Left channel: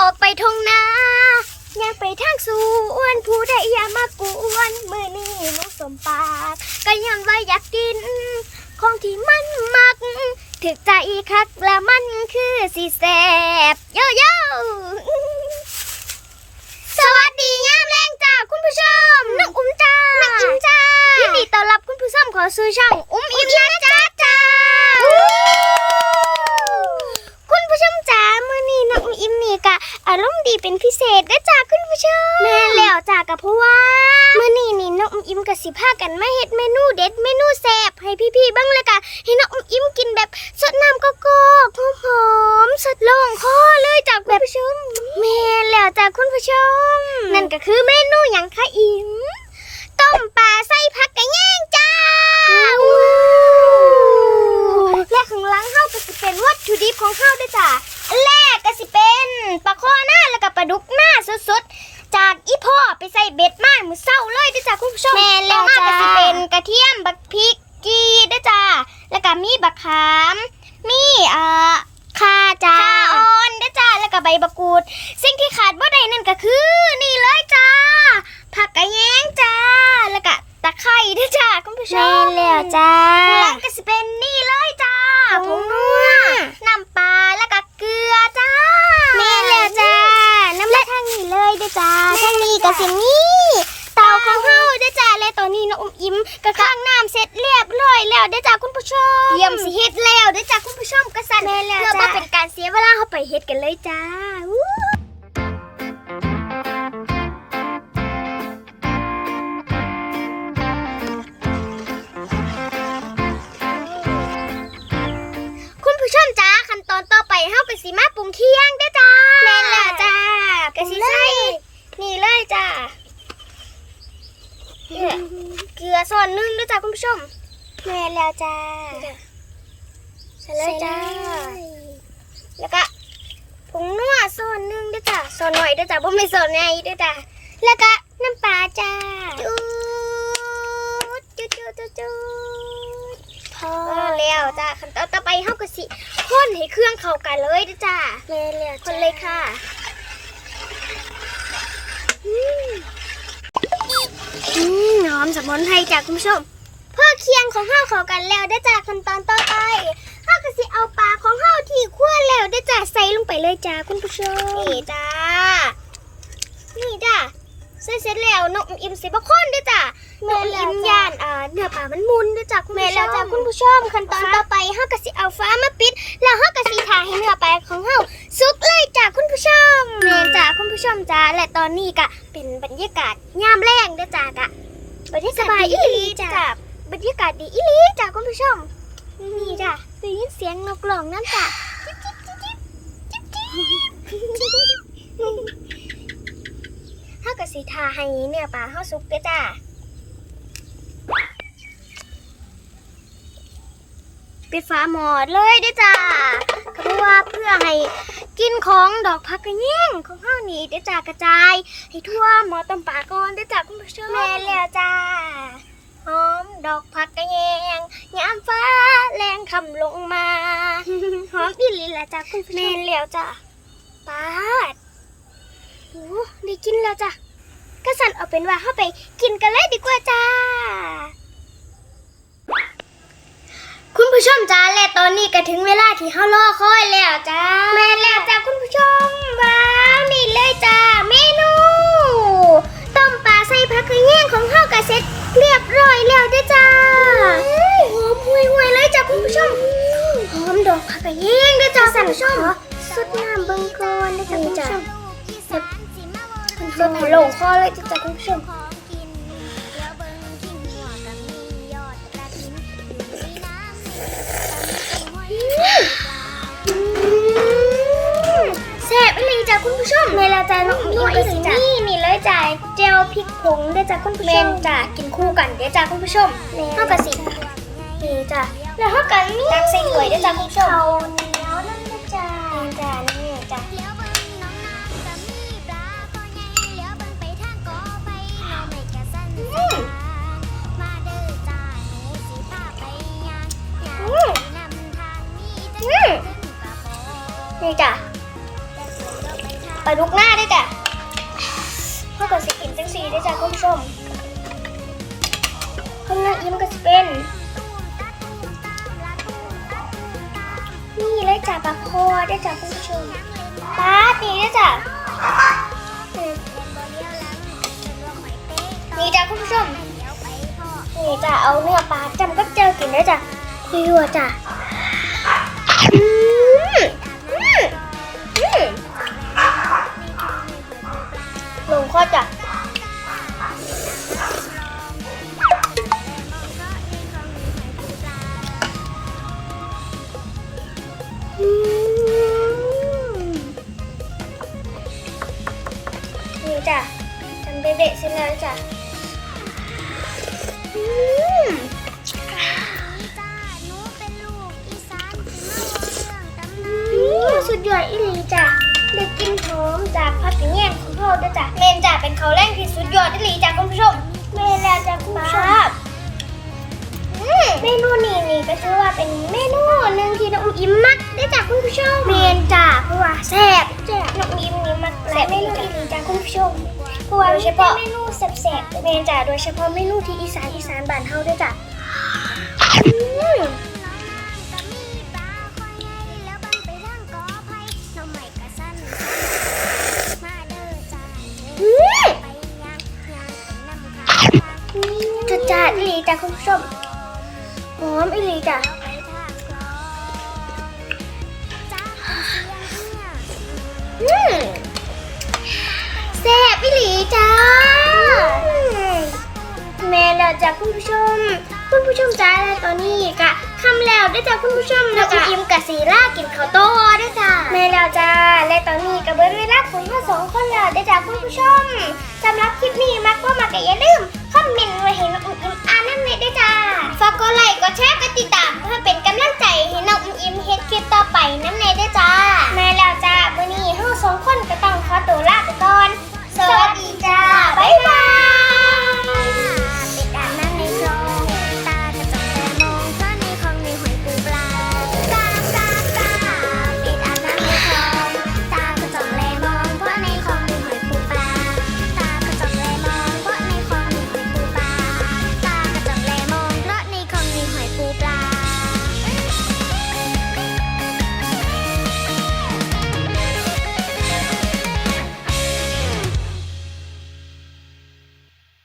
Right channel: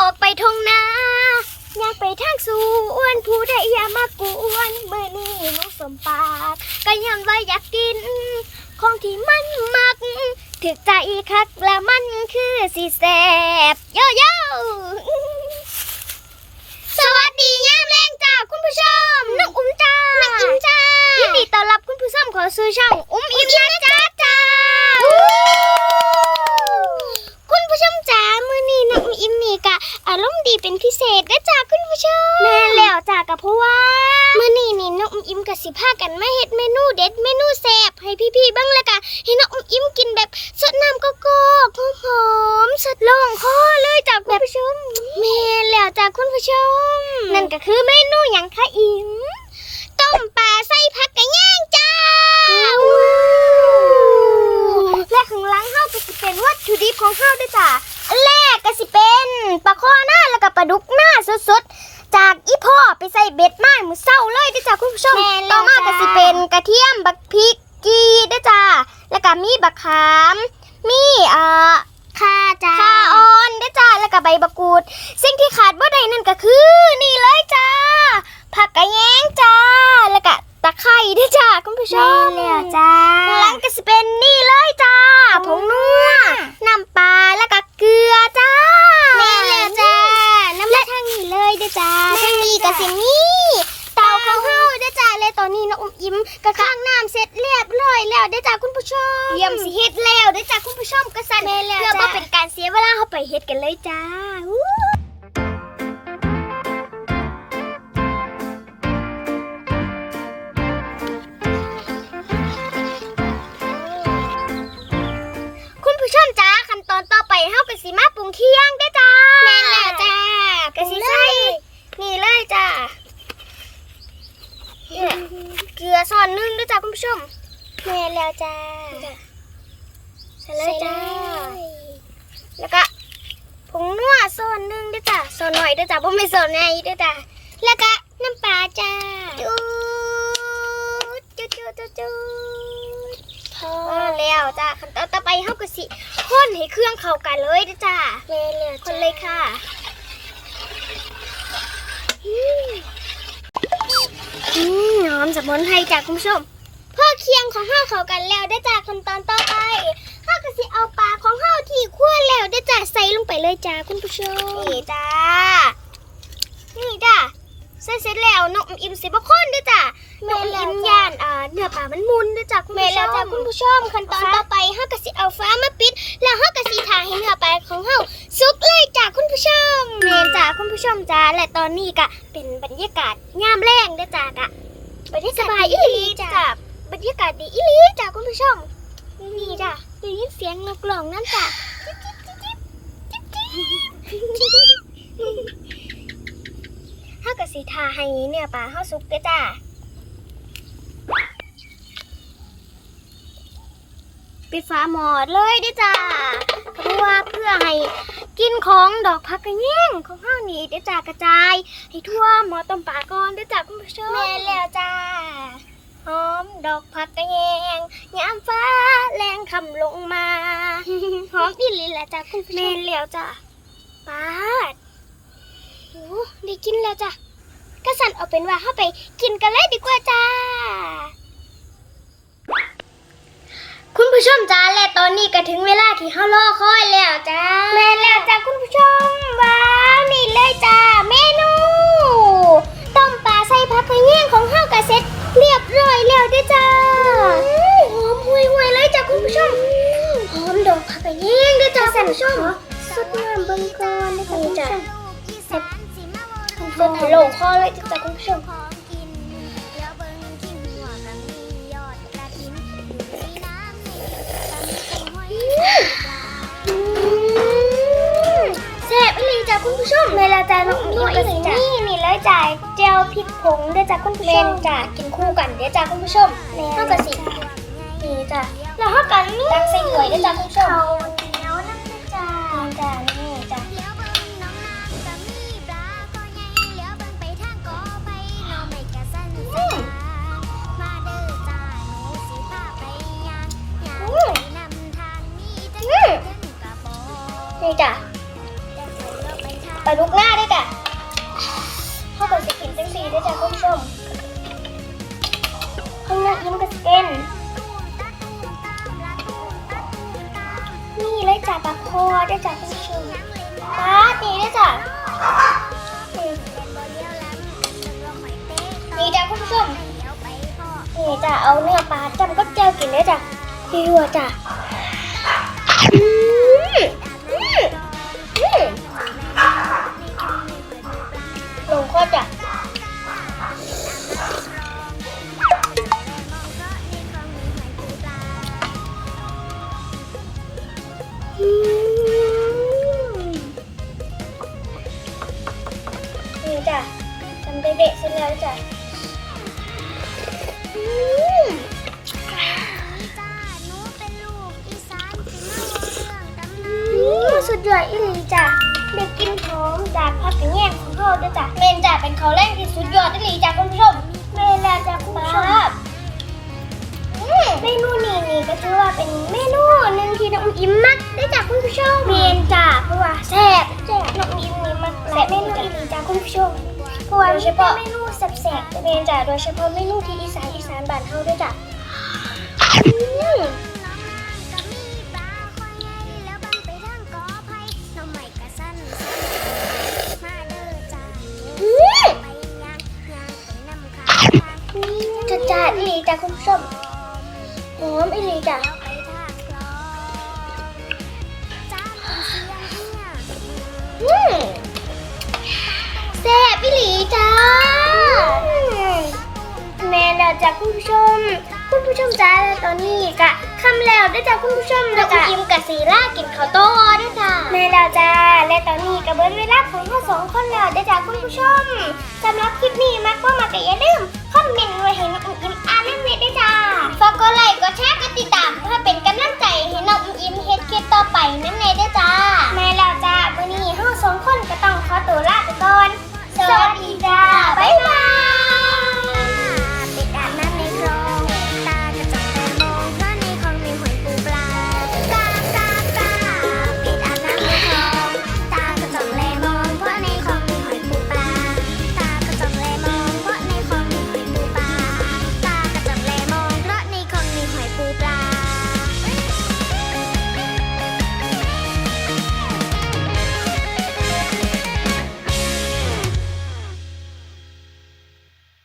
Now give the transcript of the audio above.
ออกไปทงนาอยากไปทางสวนผู้ใดอย่ามากวนมือนี้น้องสมปากก็ย้ำว่าอยากกิน ของที่มันมักถึกใจคักและมันคือสีแสบเยอะสวัสดีย่ามแรงจ้าคุณผู้ชมน้องอุ้มจ้าน้องอุ้มจ้ายินดีต้อนรับคุณผู้ชมเขอสู่ช่องอุ้มอิ่มนะจ้าจ้า คุณผู้ชมจ๋ามื้อนี้น้องอุ้มอิ่ม นี่กะอารมณ์ดีเป็นพิเศษเด้อจ้าคุณผู้ชมแม่นแล้วจ้ากับเพราะว่ามื้อนี้นี่น้องอุ้มอิ่มกับสิพากันมาเฮ็ดเมนูเด็ดเมนูแซ่บให้พี่ๆเบ้างเลยกะให้น้องอุ้มอิ่มกินแบบสดน้ำโกโก้หอมๆสดลงคอเลยจ้าคุณผู้ชมแม่นแล้วจ้าคุณผู้ชม นั่นก็คือเมนูหยังคะอิ่มต้มปลาใส่ผักกะแยงจ้าและข้างหลังเฮาก็สิเป็นวัตถุดิบของเฮาเด้อจ้า ดุกหน้าสดๆ จากอีพ่อไปใส่เบ็ดมามือเศร้าเลยเด้อจ้าคุณผู้ชมแม่นแล้ต่อวมาจ้าก็สิเป็นกระเทียมบักพริกกีเด้อจ้าแล้วก็มีบักขาม มีเอ่อค่ะจ้าข่าอ่อนเด้อจ้าแล้วก็ใบบักกูด สิ่งที่ขาดบ่ได้นั่นก็คือนี่เลยจ้าผักกระแยงจ้าแล้วก็ตะไคร้เด้อจ้าคุณผู้ชแม่มแล้วจ้า ข้างหลังก็สิเป็นนี่เลยจ้าผงนัวน้ำปลาแล้วก็เกลือจ้า แม่แล้วจ้า น้ำและทางนี้เลยเด้อจ้า แม่ ทางนี้ก็จ้าสินี่เตาข้าวเฮาเด้อจ้าและตอนนี้น้องอุ้มอิ่มก็ข้างน้ำเสร็จเรียบร้อยแล้วเด้อจ้าคุณผู้ชมเยี่ยมสิเฮ็ดแล้วเด้อจ้าคุณผู้ชมก็สั่นแม่แล้วเพื่อจ้าบ่เป็นการเสียเวลาเฮาไปเฮ็ดกันเลยจ้า ผู้ชมแม่แล้วจ้าใส่เลยจ้า แล้วก็ผงนัวส่วนหนึงด้วยจ้าส่วนหน่อยด้วยจ้าบ่ไม่ส่วนใหญ่ด้วยจ้าแล้วก็น้ำปลาจ้าจูจุดจุดจุดจุดพอพอแล้วจ้าขั้นตอนต่อไปเฮาก็สิคนให้เครื่องเข้ากันเลยด้วยจ้าแม่แล้วคนเลยค่ะอืมอืมหอมสมุนไพรจากคุณผู้ชม เพื่อเคียงของเฮาเข้ากันแล้วได้อจากขั้นตอนต่อไปเฮาก็สิเอาปลาของเฮาที่คั่วแล้วได้อจ้าใส่ลงไปเลยจ้าคุณผู้ชมนี่จ้านี่จ้าใส่เสร็จแล้วนกอิ่มสิบคนด้วยจ้านกอิ่มย่านอ่าเนื้อปลามันมุนด้วยจ้าคุณผู้ชมแม่แล้วจ้าคุณผู้ชมขั้นตอนต่อไปเฮาก็สิเอาฟ้ามาปิด แล้วเฮาก็สิถ่ายให้เนื้อปลาของเฮาสุกเลยจ้าคุณผู้ชมแม่นจ้าคุณผู้ชมจ้าและตอนนี้ก็เป็นบรรยากาศยามแรงเด้อจ้ากะบรรยากาศสบายอีหลีจ้า บรรยากาศดีอีหลีจ้าคุณผู้ชมนี่จ้าได้ยินเสียงนกร้องนั่นจ้าจิ๊บจิ๊บจิ๊บจิ๊บจิ๊บจิ๊บจิ๊บเฮาก็สิถ่าให้เนื้อปลาเฮาสุกเด้จ้าปิดฝาหมอดเลยเด้จ้าเพราะว่าเพื่อให้กินของดอกพักกระแยงของเฮาวนี่เด้จ้ากระจาย ให้ทั่วหมอต้มปลาก่อนเด้จ้าคุณผู้ชมแม่แล้วจ้า หอมดอกพักกระแยงยามฟ้าแรงคำลงมา หอมอีหลีละจ้าคุณผู้ชมแม่นแล้วจ้าปาดโอ้ได้กินแล้วจ้าก็สั่นเอาเป็นว่าเข้าไปกินกันเลยดีกว่าจ้า คุณผู้ชมจ้าและตอนนี้ก็ถึงเวลาที่เฮารอคอยแล้วจ้าแม่นแล้วจ้าคุณผู้ชมว้าวนี่เลยจ้าเมนู ต้มปลาใส่ผักกระแยงของเฮากะเสร็จ เรียบร้อยแล้วเด้อจ้าหอมหุยหุยๆเลยจ้าคุณผู้ชมหอมดอกผักกระแยงเด้อจ้าคุณผู้ชมสดน้ำเบิ่งก่อนนะคะคุณผู้ชมสดสดลงคอเลยจ้าคุณผู้ชมของกินเดี๋ยวเบิ่งกิ้งหัวกับมียอดกระถินอยู่ในน้ำในกับมีกุ้งหอยปลาแซ่บอีหลีจ้ะคุณผู้ชมในละจ้าน้องอิ่มก็สิ นี่นี่เลยจ้ะเจลพริกผงเด้อจ้ะคุณผู้ชมจ้ะกินคู่กันเด้อจ้ะคุณผู้ชมเฮาก็สินี่จ้ะแล้วเฮากันตักใส่ถ้วยเด้อจ้ะคุณผู้ชมเขาเหนียวนั่นนะจ้านี่จ้ะนี่จ้ะเลี้ยวเบิ่งน้องนางกับมีปลาคอใหญ่เลี้ยวเบิ่งไปทางกอไผ่น้องไม่กะสั้นสะดานมาเด้อจ้าหนูสิพาไปย่างย่างไปนำทางมีแต่อืมขึ้นกระบอกนี่จ้ะแต่เคยเลี้ยวไปทางไปลาดุกหน้าด้วยจ้ะ ด้วยจ้ะคุณผู้ชมข้างหน้ายิ้มก็สิเป็นนี่เลยจ้ะปลาคอด้วยจ้ะคุณผู้ชมปลาตีด้วยจ้ะนี่จ้ะคุณผู้ชมนี่จ้ะเอาเนื้อปลาจำก็เจอกินด้วยจ้ะพี่รัวจ้ะ แล้วจ้ะอืมอืมสุดยอดอีหลีจ้ะเด็กกินหอมจากพักกระแยงของพ่อด้วยจ้ะเมนจ้ะเป็นเขาวแรกที่สุดยอดอีหลีจ้ะคุณผู้ชมเมนแล้วจ้ะคุณผู้ชมอืมเมนูนี้นี่ก็ถือว่าเป็นเมนูหนึ่งที่น้องอิ่มมักได้จากคุณผู้ชมเมนจ้ะเพราะว่าแซ่บจ้ะน้องอิ่มนี่มักหลายเมนูอีหลีจ้ะคุณผู้ชม เพราะว่าโดยเฉพาะเมนูแซ่บๆเมนจ้ะโดยเฉพาะเมนูที่อีสานอีสานบ้านเฮาด้วยจ้ะอืมจัดจ้าอีหลีจ้ะคุณผู้ชมหอมอีหลีจ้ะอืม แซ่บอีหลีจ้าแม่แล้วจ้ะคุณผู้ชม คุณผู้ชมจ้าแล้วตอนนี้กะคำแล้วด้วยจ้ะคุณผู้ชมแล้วก็อิ่มกับสีล่ากินข้าวโต้ด้วยจ้ะแม่แล้วจ้าและตอนนี้ก็เบิ้ลเวลาของเราสองคนแล้วด้วยจ้ะคุณผู้ชมสำหรับคลิปนี้มักก็มาก็อย่าลืมคอมเมนต์ไว้ให้น้องอิ่ม